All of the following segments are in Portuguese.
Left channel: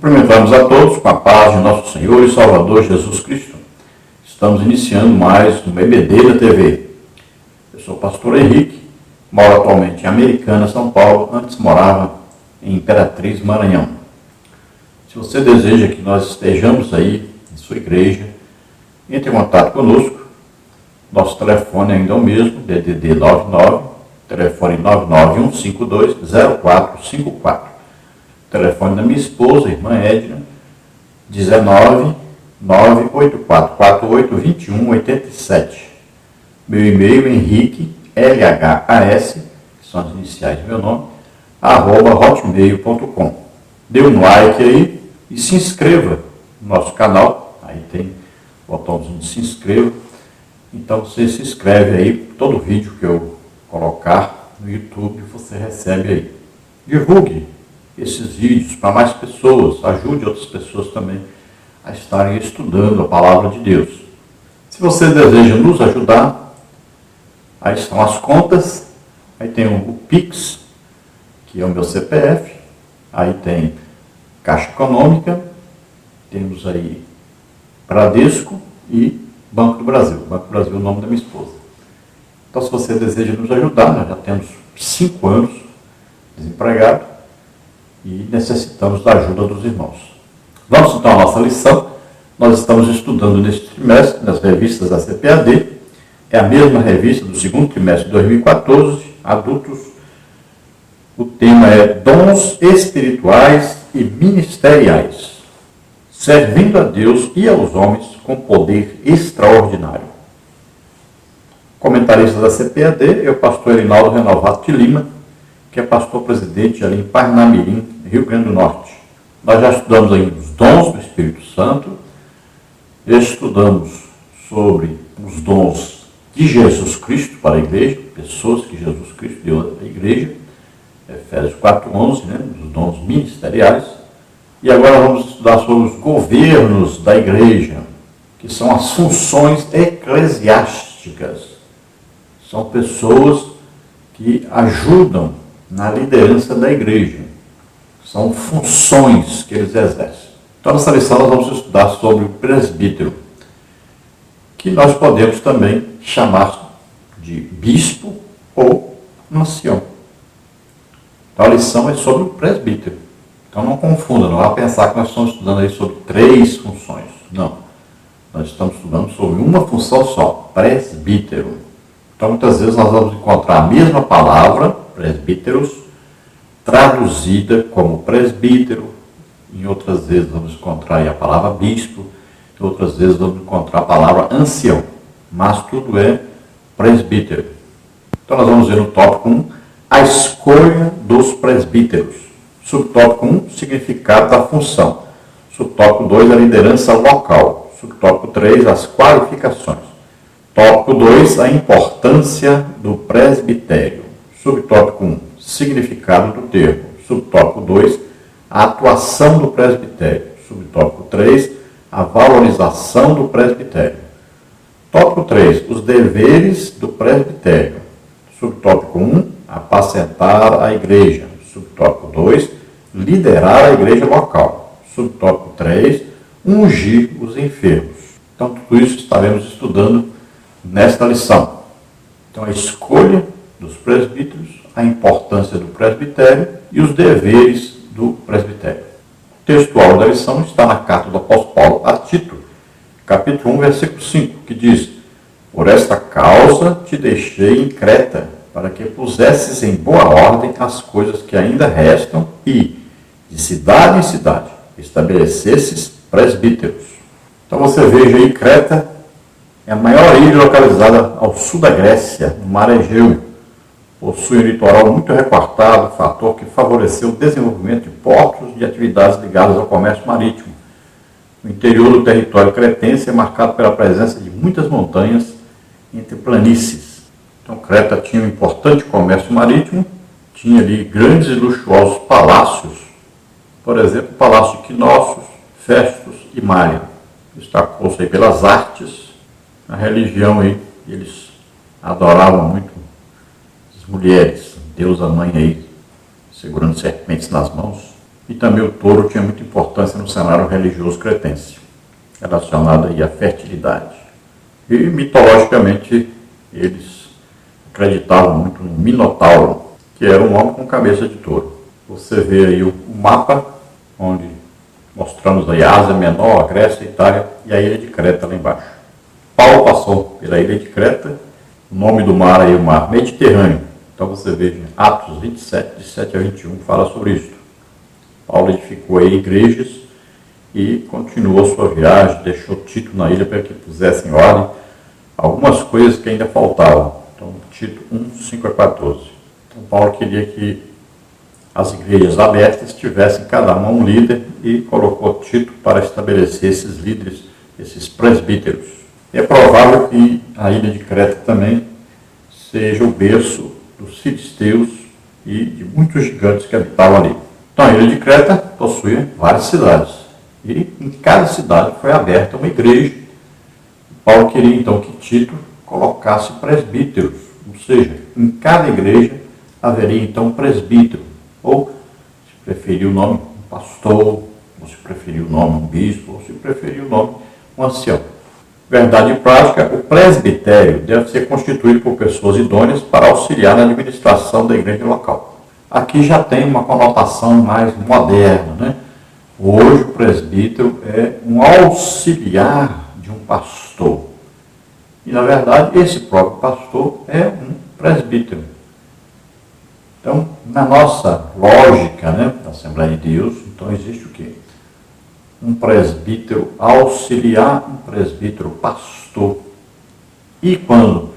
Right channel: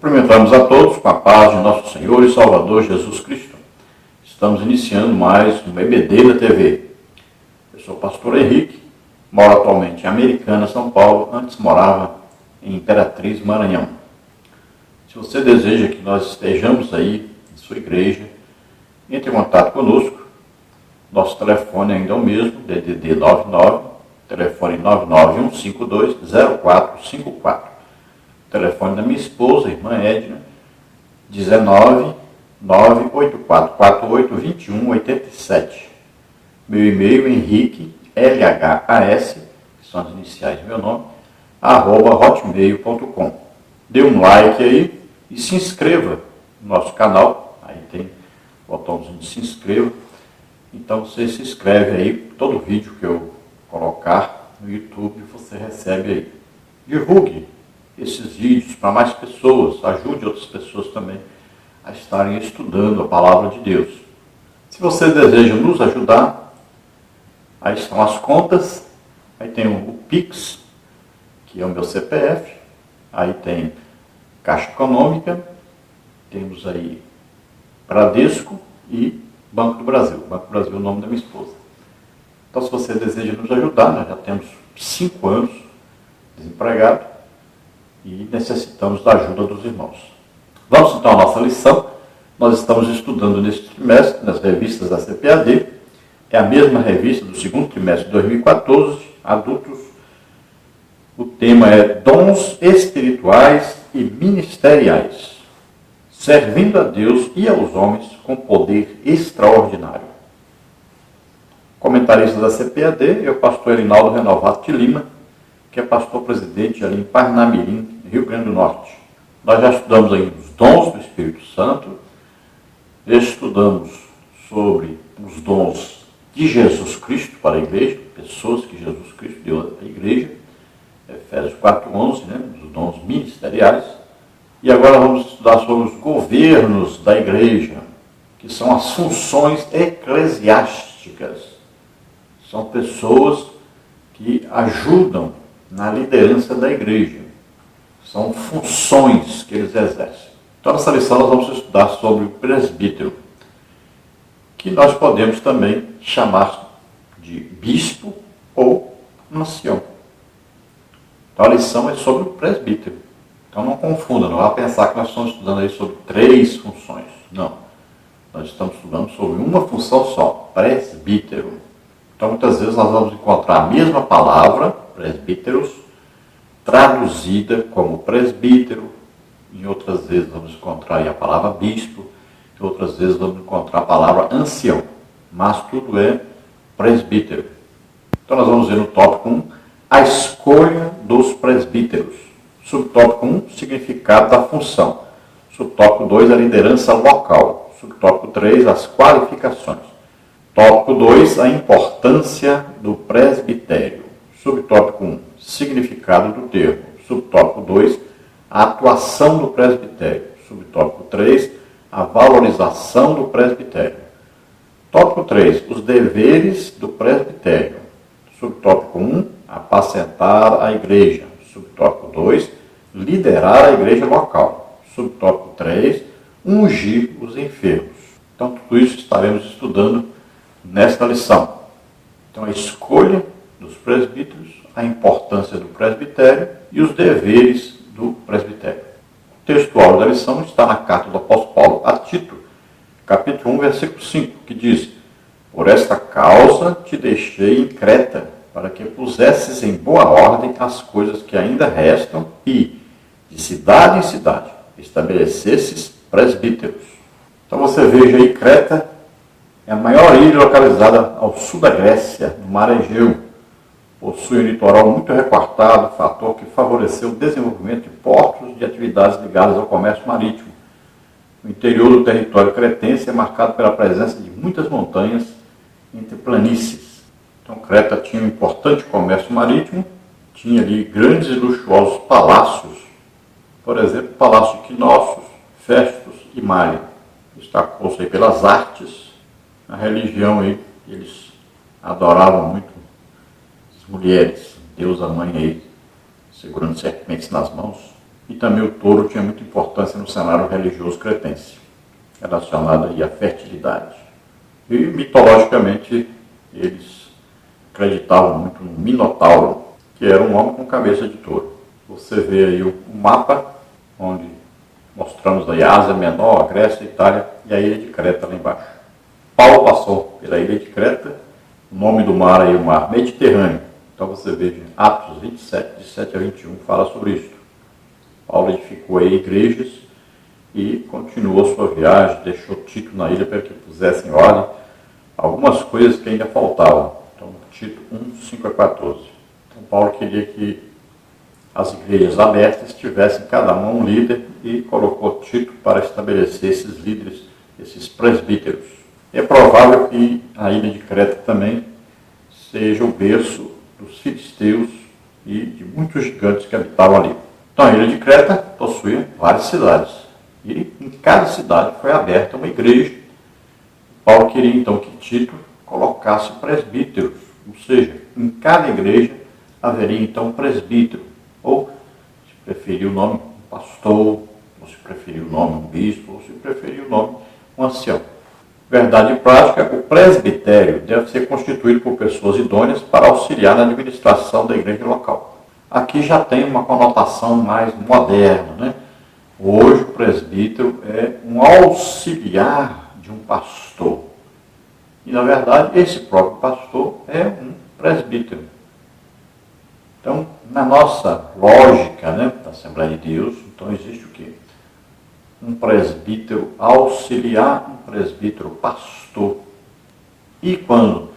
Cumprimentamos a todos com a paz de nosso Senhor e Salvador Jesus Cristo. Estamos iniciando mais um EBD na TV. Eu sou o pastor Henrique, moro atualmente em Americana, São Paulo, antes morava em Imperatriz, Maranhão. Se você deseja que nós estejamos aí em sua igreja, entre em contato conosco. Nosso telefone ainda é o mesmo, DDD 99, telefone 991520454. Telefone da minha esposa, irmã Edna, 19 984482187. Meu e-mail, Henrique, LHAS, que são as iniciais do meu nome, @hotmail.com. Dê um like aí e se inscreva no nosso canal. Aí tem o botãozinho de se inscreva. Então você se inscreve aí, todo vídeo que eu colocar no YouTube você recebe aí. Divulgue esses vídeos para mais pessoas, ajude outras pessoas também a estarem estudando a palavra de Deus. Se você deseja nos ajudar, aí estão as contas, aí tem o Pix, que é o meu CPF, aí tem Caixa Econômica, temos aí Bradesco e Banco do Brasil. Banco do Brasil é o nome da minha esposa. Então, se você deseja nos ajudar, nós já temos 5 anos desempregados e necessitamos da ajuda dos irmãos. Vamos então à nossa lição. Nós estamos estudando neste trimestre, nas revistas da CPAD. É a mesma revista do segundo trimestre de 2014, adultos. O tema é Dons Espirituais e Ministeriais, servindo a Deus e aos homens com poder extraordinário. Comentarista da CPAD é o pastor Erinaldo Renovato de Lima, que é pastor-presidente ali em Parnamirim, Rio Grande do Norte. Nós já estudamos aí os dons do Espírito Santo, estudamos sobre os dons de Jesus Cristo para a igreja, pessoas que Jesus Cristo deu à igreja, Efésios 4:11, os dons ministeriais. E agora vamos estudar sobre os governos da igreja, que são as funções eclesiásticas. São pessoas que ajudam na liderança da igreja. São funções que eles exercem. Então, nessa lição nós vamos estudar sobre o presbítero, que nós podemos também chamar de bispo ou ancião. Então, a lição é sobre o presbítero. Então, não confunda, não vá pensar que nós estamos estudando aí sobre 3 funções. Não. Nós estamos estudando sobre uma função só, presbítero. Então, muitas vezes nós vamos encontrar a mesma palavra, presbíteros, traduzida como presbítero. Em outras vezes vamos encontrar aí a palavra bispo. Em outras vezes vamos encontrar a palavra ancião. Mas tudo é presbítero. Então, nós vamos ver no tópico 1, a escolha dos presbíteros. Subtópico 1, significado da função. Subtópico 2, a liderança local. Subtópico 3, as qualificações. Tópico 2, a importância do presbitério. Subtópico 1, significado do termo. Subtópico 2, a atuação do presbitério. Subtópico 3, a valorização do presbitério. Tópico 3, os deveres do presbitério. Subtópico 1, apacentar a igreja. Subtópico 2, liderar a igreja local. Subtópico 3, ungir os enfermos. Então, tudo isso estaremos estudando nesta lição. Então, a escolha dos presbíteros, a importância do presbitério e os deveres do presbitério. O textual da lição está na carta do apóstolo Paulo a Tito, capítulo 1, versículo 5, que diz: por esta causa te deixei em Creta, para que pusesses em boa ordem as coisas que ainda restam e, de cidade em cidade, estabelecesses presbíteros. Então você veja aí, Creta é a maior ilha localizada ao sul da Grécia, no mar Egeu. Possui um litoral muito recortado, fator que favoreceu o desenvolvimento de portos e atividades ligadas ao comércio marítimo. O interior do território cretense é marcado pela presença de muitas montanhas entre planícies. Então, Creta tinha um importante comércio marítimo, tinha ali grandes e luxuosos palácios, por exemplo, o Palácio de Quinócios, Festus e Maia. Destacou-se aí pelas artes, a religião aí, eles adoravam muito as mulheres, deusa mãe aí, segurando serpentes nas mãos. E também o touro tinha muita importância no cenário religioso cretense, relacionado aí à fertilidade. E mitologicamente eles acreditavam muito no Minotauro, que era um homem com cabeça de touro. Você vê aí o mapa, onde mostramos aí a Ásia Menor, a Grécia, a Itália e a ilha de Creta lá embaixo. Paulo passou pela ilha de Creta, o nome do mar aí é o mar Mediterrâneo. Então você vê Atos 27, de 7 a 21, fala sobre isso. Paulo edificou aí igrejas e continuou sua viagem, deixou Tito na ilha para que pusesse em ordem algumas coisas que ainda faltavam. Então, Tito 1, 5 a 14. Então, Paulo queria que as igrejas abertas tivessem cada uma um líder e colocou Tito para estabelecer esses líderes, esses presbíteros. E é provável que a ilha de Creta também seja o berço dos filisteus e de muitos gigantes que habitavam ali. Então, a ilha de Creta possuía várias cidades. E em cada cidade foi aberta uma igreja. Paulo queria então que Tito colocasse presbíteros, ou seja, em cada igreja haveria então um presbítero, ou se preferir o nome um pastor, ou se preferir o nome um bispo, ou se preferir o nome um ancião. Verdade prática, o presbitério deve ser constituído por pessoas idôneas para auxiliar na administração da igreja local. Aqui já tem uma conotação mais moderna, né? Hoje o presbítero é um auxiliar de um pastor. E na verdade esse próprio pastor é um presbítero. Então, na nossa lógica, né, da Assembleia de Deus, então existe o quê? Um presbítero auxiliar, um presbítero pastor. E quando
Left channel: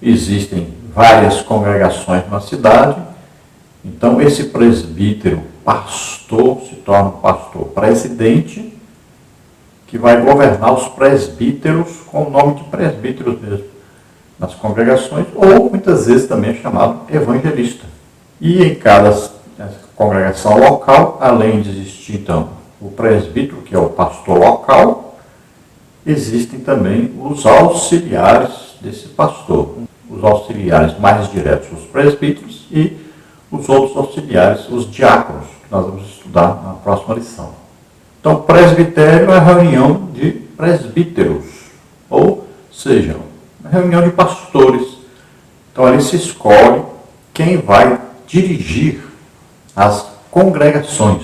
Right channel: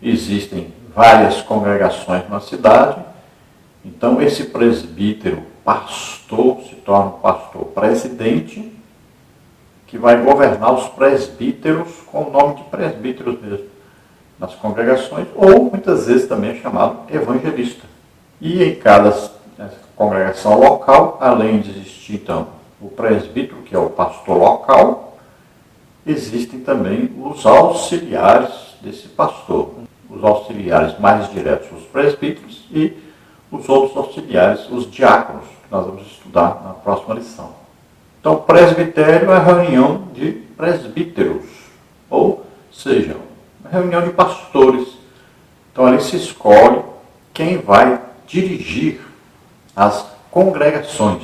existem várias congregações na cidade, então esse presbítero pastor se torna um pastor presidente, que vai governar os presbíteros com o nome de presbíteros mesmo, nas congregações, ou muitas vezes também é chamado evangelista. E em cada congregação local, além de existir então o presbítero, que é o pastor local, existem também os auxiliares desse pastor. Os auxiliares mais diretos, os presbíteros, e os outros auxiliares, os diáconos, que nós vamos estudar na próxima lição. Então, o presbitério é a reunião de presbíteros, ou seja, uma reunião de pastores. Então, ali se escolhe quem vai dirigir as congregações.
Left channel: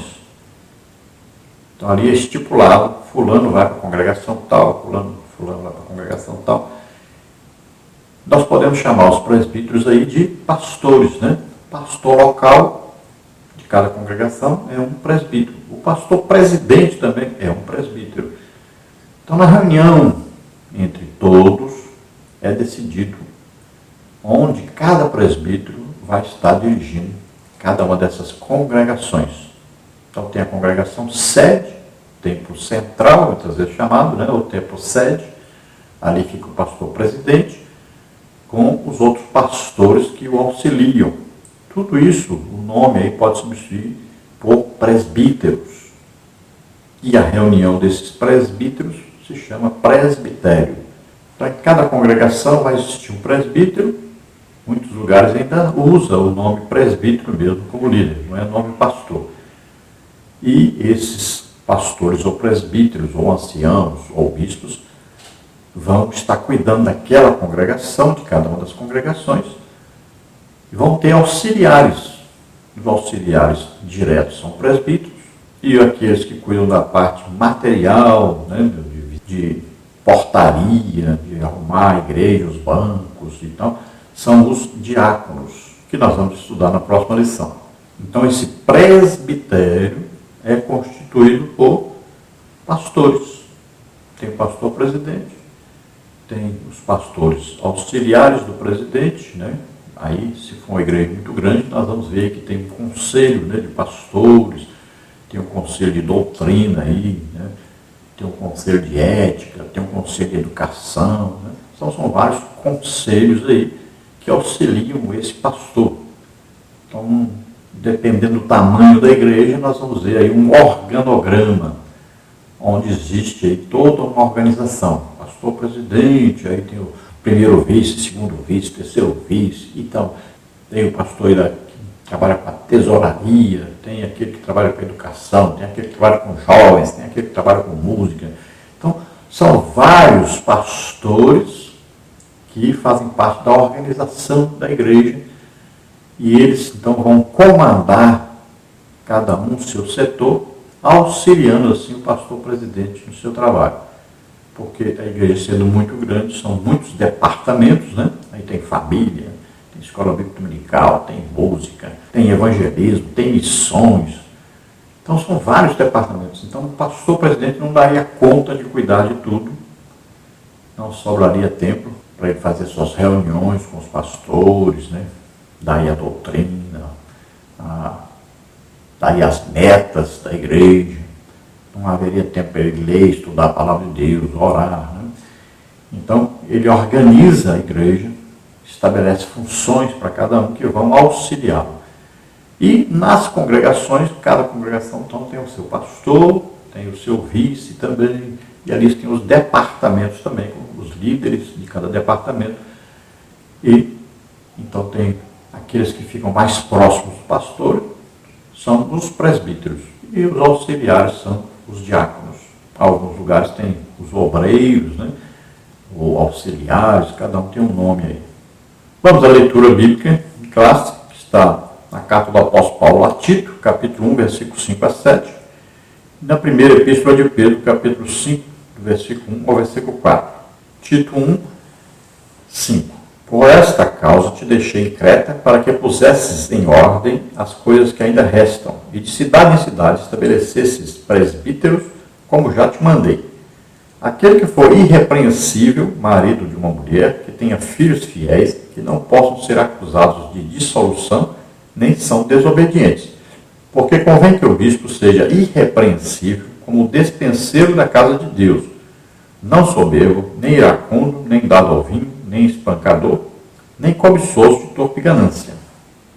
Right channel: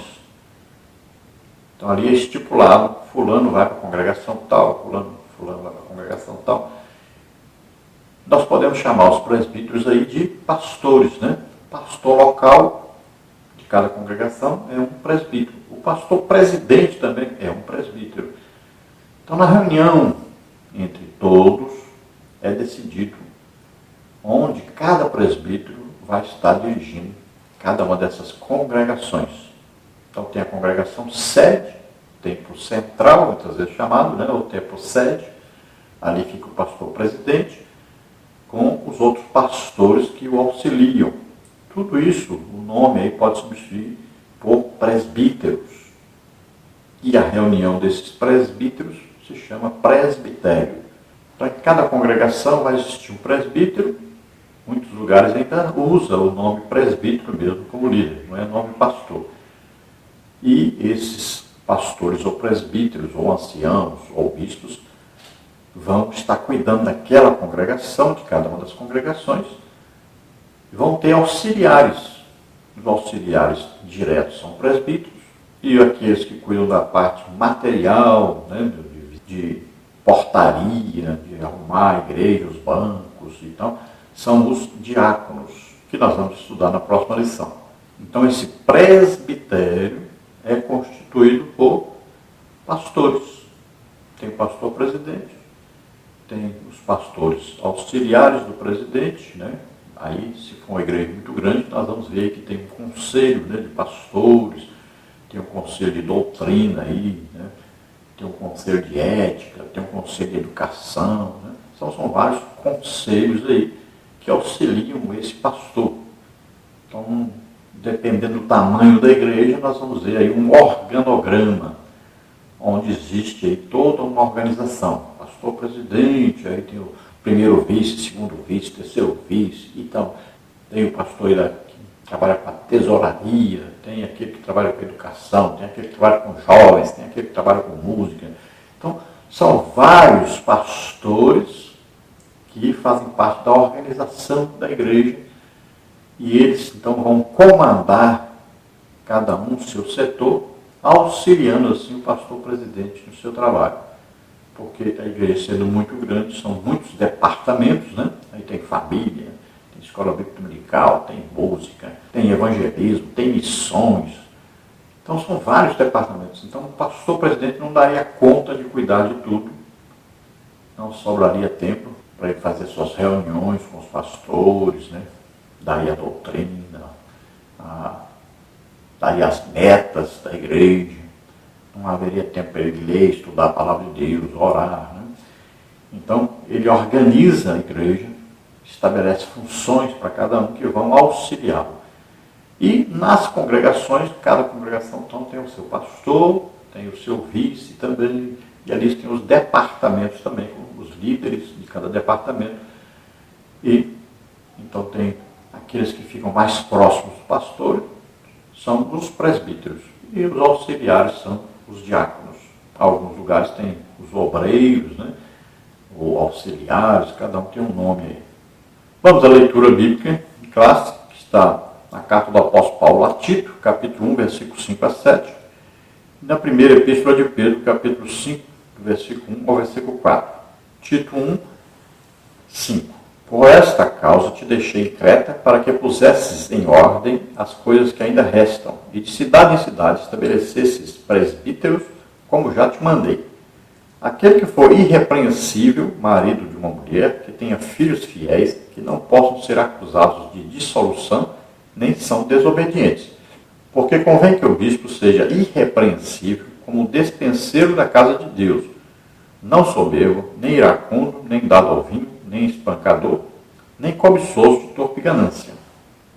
Então, ali é estipulado, fulano vai para a congregação tal, fulano vai para a congregação tal. Nós podemos chamar os presbíteros aí de pastores, né? Pastor local de cada congregação é um presbítero. O pastor presidente também é um presbítero. Então, na reunião entre todos, é decidido onde cada presbítero vai estar dirigindo cada uma dessas congregações. Então, tem a congregação sede, templo central, muitas vezes chamado, né? O templo sede. Ali fica o pastor presidente, com os outros pastores que o auxiliam. Tudo isso, o nome aí pode substituir por presbíteros. E a reunião desses presbíteros se chama presbitério. Então, em cada congregação vai existir um presbítero. Muitos lugares ainda usa o nome presbítero mesmo como líder, não é nome pastor. E esses pastores ou presbíteros, ou anciãos, ou bispos, vão estar cuidando daquela congregação, de cada uma das congregações, e vão ter auxiliares. Os auxiliares diretos são presbíteros, e aqueles que cuidam da parte material, né, de portaria, de arrumar a igreja, os bancos e tal, são os diáconos, que nós vamos estudar na próxima lição. Então, esse presbitério é constituído por pastores. Tem o pastor presidente, tem os pastores auxiliares do presidente, né? Aí, se for uma igreja muito grande, nós vamos ver que tem um conselho, né, de pastores, tem um conselho de doutrina aí, né? Tem um conselho de ética, tem um conselho de educação, né? Então, são vários conselhos aí que auxiliam esse pastor. Então, dependendo do tamanho da igreja, nós vamos ver aí um organograma, onde existe aí toda uma organização. Pastor presidente, aí tem o primeiro vice, segundo vice, terceiro vice e tal. Tem o pastor trabalha com a tesouraria, tem aquele que trabalha com a educação, tem aquele que trabalha com jovens, tem aquele que trabalha com música. Então, são vários pastores que fazem parte da organização da igreja e eles, então, vão comandar cada um o seu setor, auxiliando, assim, o pastor presidente no seu trabalho. Porque a igreja, sendo muito grande, são muitos departamentos, né? Aí tem família, tem escola bíblica dominical, tem música, tem evangelismo, tem missões. Então são vários departamentos. Então o pastor presidente não daria conta de cuidar de tudo. Não sobraria tempo para ele fazer suas reuniões com os pastores, né? Daí a doutrina, daí as metas da igreja. Não haveria tempo para ele ler, estudar a palavra de Deus, orar. Né? Então ele organiza a igreja, estabelece funções para cada um que vão auxiliá-lo. E nas congregações, cada congregação então tem o seu pastor, tem o seu vice também, e ali tem os departamentos também, com os líderes de cada departamento. E então tem aqueles que ficam mais próximos do pastor, são os presbíteros, e os auxiliares são os diáconos. Alguns lugares tem os obreiros, né? Ou auxiliares, cada um tem um nome aí. Vamos à leitura bíblica de classe, que está na carta do apóstolo Paulo a Tito, capítulo 1, versículo 5 a 7, e na primeira epístola de Pedro, capítulo 5, do versículo 1 ao versículo 4. Tito 1, 5. Por esta causa te deixei em Creta, para que pusesses em ordem as coisas que ainda restam, e de cidade em cidade estabelecesses presbíteros, como já te mandei. Aquele que for irrepreensível, marido de uma mulher, que tenha filhos fiéis, que não possam ser acusados de dissolução, nem são desobedientes. Porque convém que o bispo seja irrepreensível, como despenseiro da casa de Deus, não soberbo, nem iracundo, nem dado ao vinho, nem espancador, nem cobiçoso de torpe ganância.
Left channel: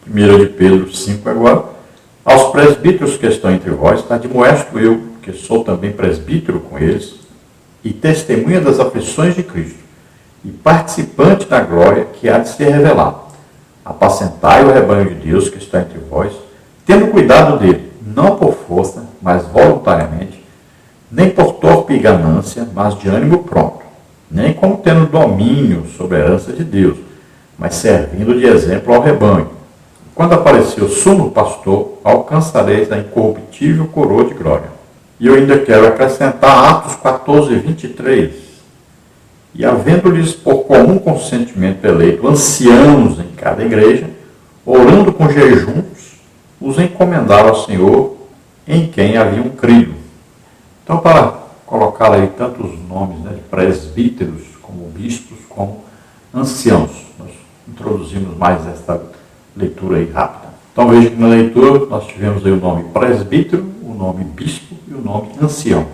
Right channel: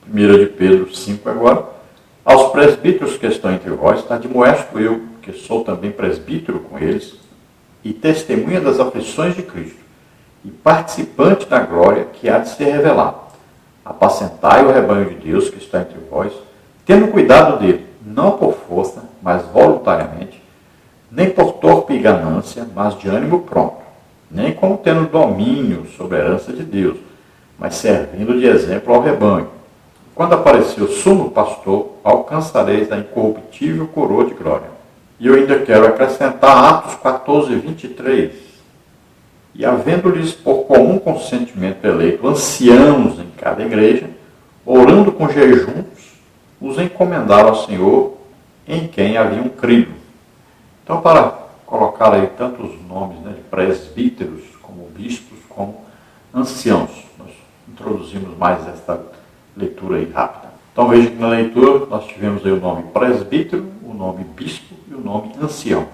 1 de Pedro 5 agora. Aos presbíteros que estão entre vós, admoesto eu, que sou também presbítero com eles, e testemunha das aflições de Cristo, e participante da glória que há de ser revelada. Apacentai o rebanho de Deus que está entre vós, tendo cuidado dele, não por força, mas voluntariamente, nem por torpe ganância, mas de ânimo pronto, nem como tendo domínio sobre a herança de Deus, mas servindo de exemplo ao rebanho. Quando aparecer o sumo pastor, alcançareis a incorruptível coroa de glória. E eu ainda quero acrescentar Atos 14, 23. E havendo-lhes por comum consentimento eleito anciãos em cada igreja, orando com jejuns, os encomendaram ao Senhor, em quem haviam crido. Então, para colocar aí tantos nomes, né, de presbíteros, como bispos, como anciãos, nós introduzimos mais esta leitura aí rápida. Então veja que na leitura nós tivemos aí o nome presbítero, o nome bispo e o nome ancião.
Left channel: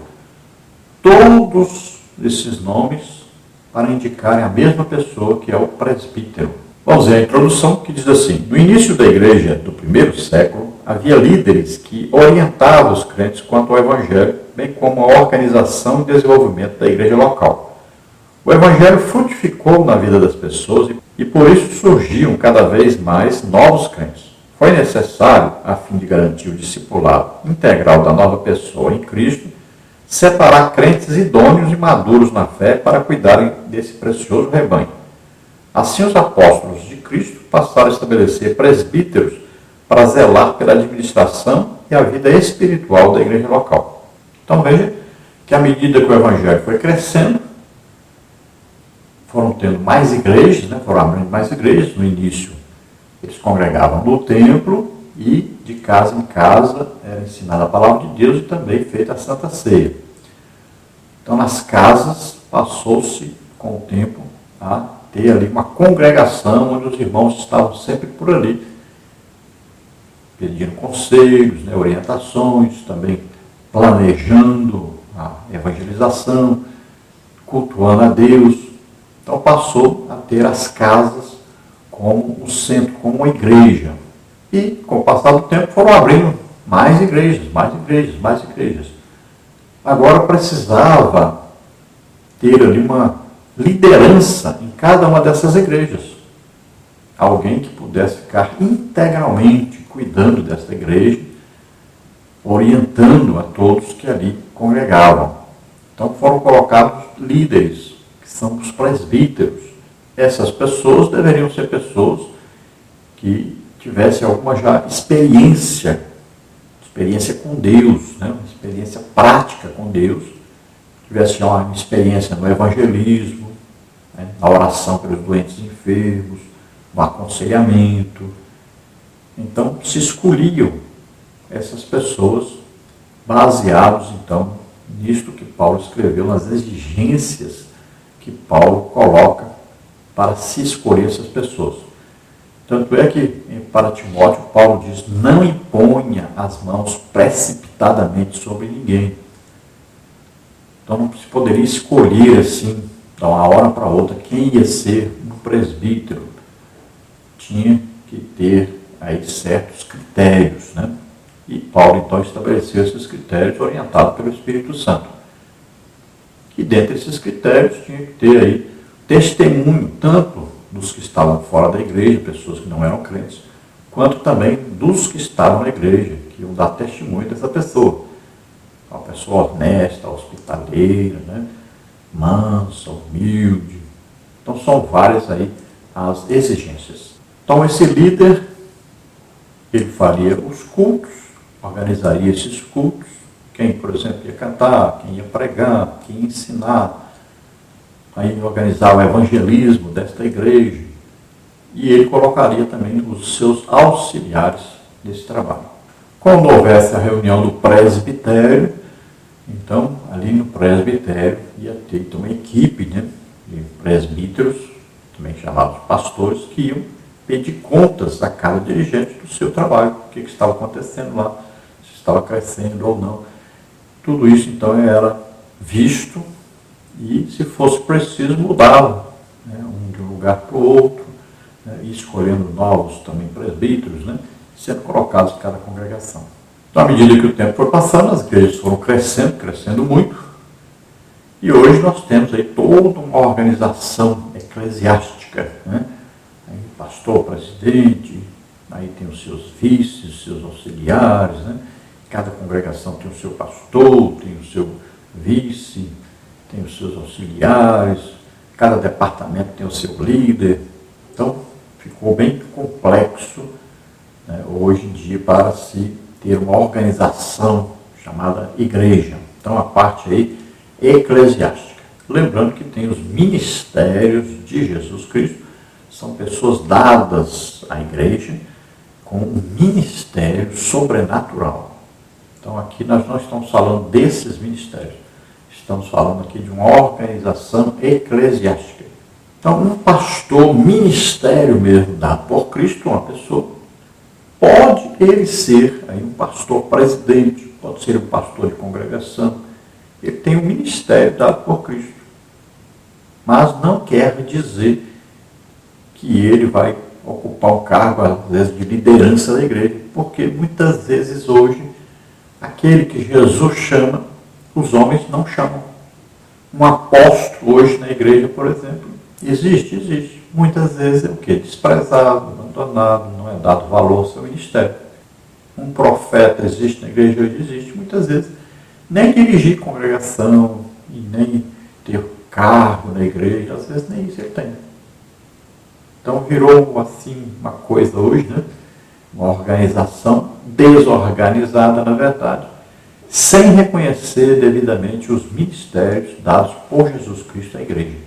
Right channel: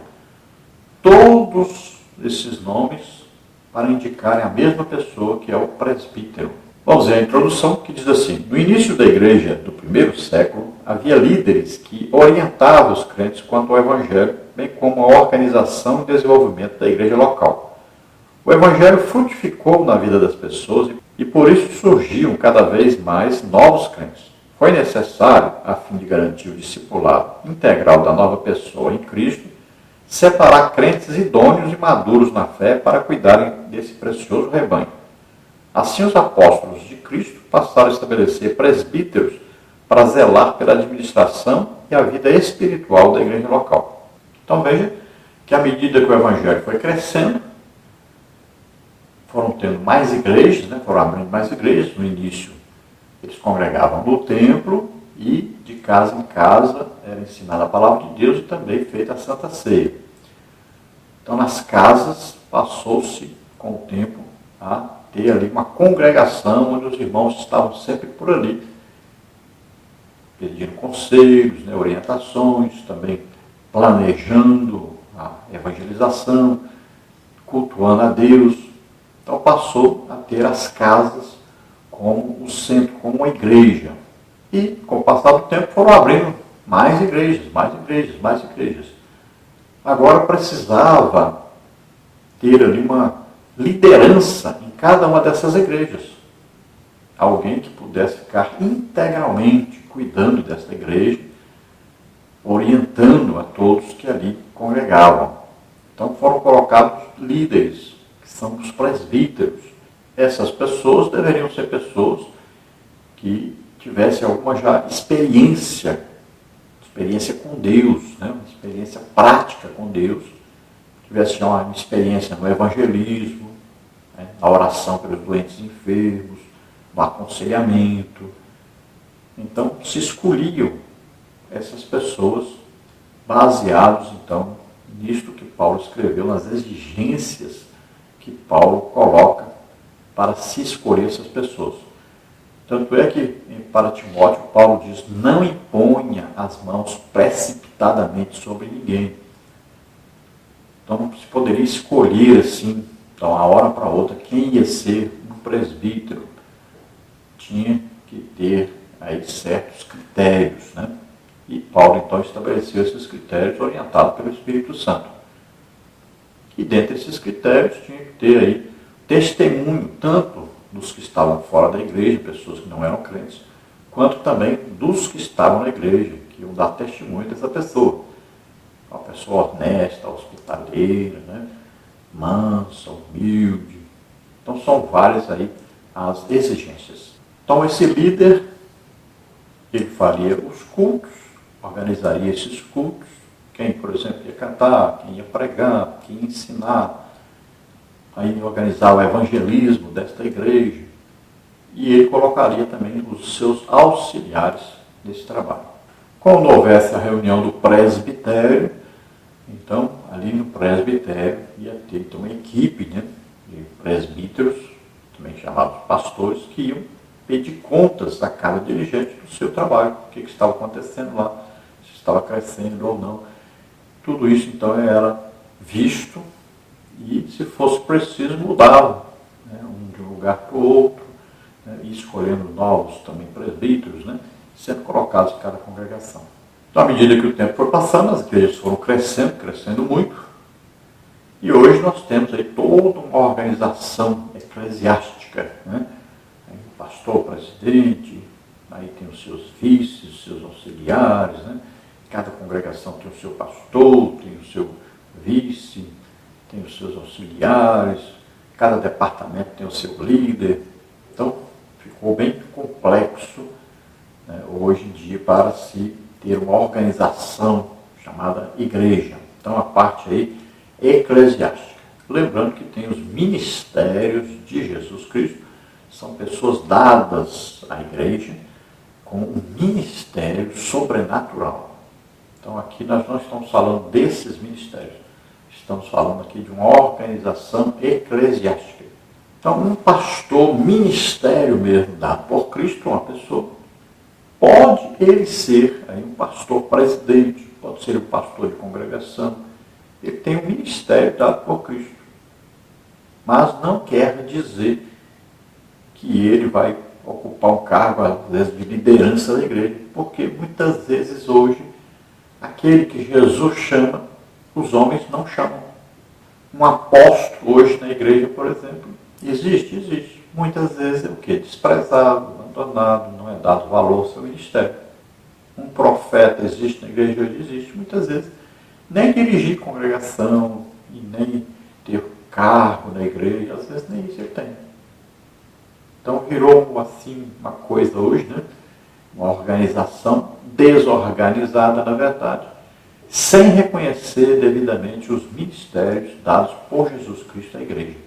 Todos esses nomes para indicarem a mesma pessoa, que é o presbítero. Vamos ver a introdução, que diz assim: no início da igreja do primeiro século, havia líderes que orientavam os crentes quanto ao evangelho, bem como a organização e desenvolvimento da igreja local. O evangelho frutificou na vida das pessoas e por isso surgiam cada vez mais novos crentes. Foi necessário, a fim de garantir o discipulado integral da nova pessoa em Cristo, separar crentes idôneos e maduros na fé para cuidarem desse precioso rebanho. Assim, os apóstolos de Cristo passaram a estabelecer presbíteros para zelar pela administração e a vida espiritual da igreja local. Então veja que à medida que o evangelho foi crescendo, foram tendo mais igrejas, né? Foram abrindo mais igrejas. No início, eles congregavam no templo e de casa em casa era ensinada a palavra de Deus e também feita a Santa Ceia. Então, nas casas, passou-se com o tempo a ter ali uma congregação onde os irmãos estavam sempre por ali, pedindo conselhos, né, orientações, também planejando a evangelização, cultuando a Deus. Então passou a ter as casas como o centro, como uma igreja. E, com o passar do tempo, foram abrindo mais igrejas, mais igrejas, mais igrejas. Agora precisava ter ali uma liderança em cada uma dessas igrejas. Alguém que pudesse ficar integralmente cuidando desta igreja, orientando a todos que ali congregavam. Então foram colocados líderes, que são os presbíteros. Essas pessoas deveriam ser pessoas que tivessem alguma já experiência com Deus, né? Uma experiência prática com Deus, tivessem uma experiência no evangelismo, né? Na oração pelos doentes e enfermos, no aconselhamento. Então se escolhiam essas pessoas baseados então nisto que Paulo escreveu, nas exigências que Paulo coloca para se escolher essas pessoas. Tanto é que para Timóteo Paulo diz: não imponha as mãos precipitadamente sobre ninguém. Então não se poderia escolher assim, de uma hora para outra, quem ia ser um presbítero. Tinha que ter aí certos critérios, né? E Paulo então estabeleceu esses critérios orientados pelo Espírito Santo. E dentre esses critérios tinha que ter aí testemunho, tanto dos que estavam fora da igreja, pessoas que não eram crentes, quanto também dos que estavam na igreja, que iam dar testemunho dessa pessoa. Uma pessoa honesta, hospitaleira, né? Mansa, humilde. Então são várias aí as exigências. Então esse líder, ele faria os cultos, organizaria esses cultos, quem, por exemplo, ia cantar, quem ia pregar, quem ia ensinar, aí organizar o evangelismo desta igreja, e ele colocaria também os seus auxiliares nesse trabalho. Quando houvesse a reunião do presbitério, então ali no presbitério ia ter então, uma equipe, né, de presbíteros, também chamados pastores, que iam pedir contas a cada dirigente do seu trabalho, o que estava acontecendo lá, se estava crescendo ou não. Tudo isso então era visto e, se fosse preciso, mudava, né, de um lugar para o outro, né, e escolhendo novos também presbíteros, né, sendo colocados em cada congregação. Então, à medida que o tempo foi passando, as igrejas foram crescendo muito, e hoje nós temos aí toda uma organização eclesiástica, né? Aí, pastor, presidente, aí tem os seus vices, os seus auxiliares, né? Cada congregação tem o seu pastor, tem o seu vice, tem os seus auxiliares, cada departamento tem o seu líder. Então, ficou bem complexo, né, hoje em dia para se ter uma organização chamada igreja. Então, a parte aí eclesiástica. Lembrando que tem os ministérios de Jesus Cristo, são pessoas dadas à igreja com um ministério sobrenatural. Então, aqui nós não estamos falando desses ministérios. Estamos falando aqui de uma organização eclesiástica. Então, um pastor, ministério mesmo dado por Cristo, uma pessoa, pode ele ser aí um pastor presidente, pode ser um pastor de congregação. Ele tem um ministério dado por Cristo. Mas não quer dizer que ele vai ocupar um cargo, às vezes, de liderança da igreja, porque muitas vezes hoje, aquele que Jesus chama, os homens não chamam. Um apóstolo hoje na igreja, por exemplo, existe. Muitas vezes é o quê? Desprezado, abandonado, não é dado valor ao seu ministério. Um profeta existe na igreja hoje? Existe. Muitas vezes nem dirigir congregação e nem ter cargo na igreja, às vezes nem isso ele tem. Então virou assim uma coisa hoje, né? Uma organização desorganizada, na verdade, sem reconhecer devidamente os ministérios dados por Jesus Cristo à igreja.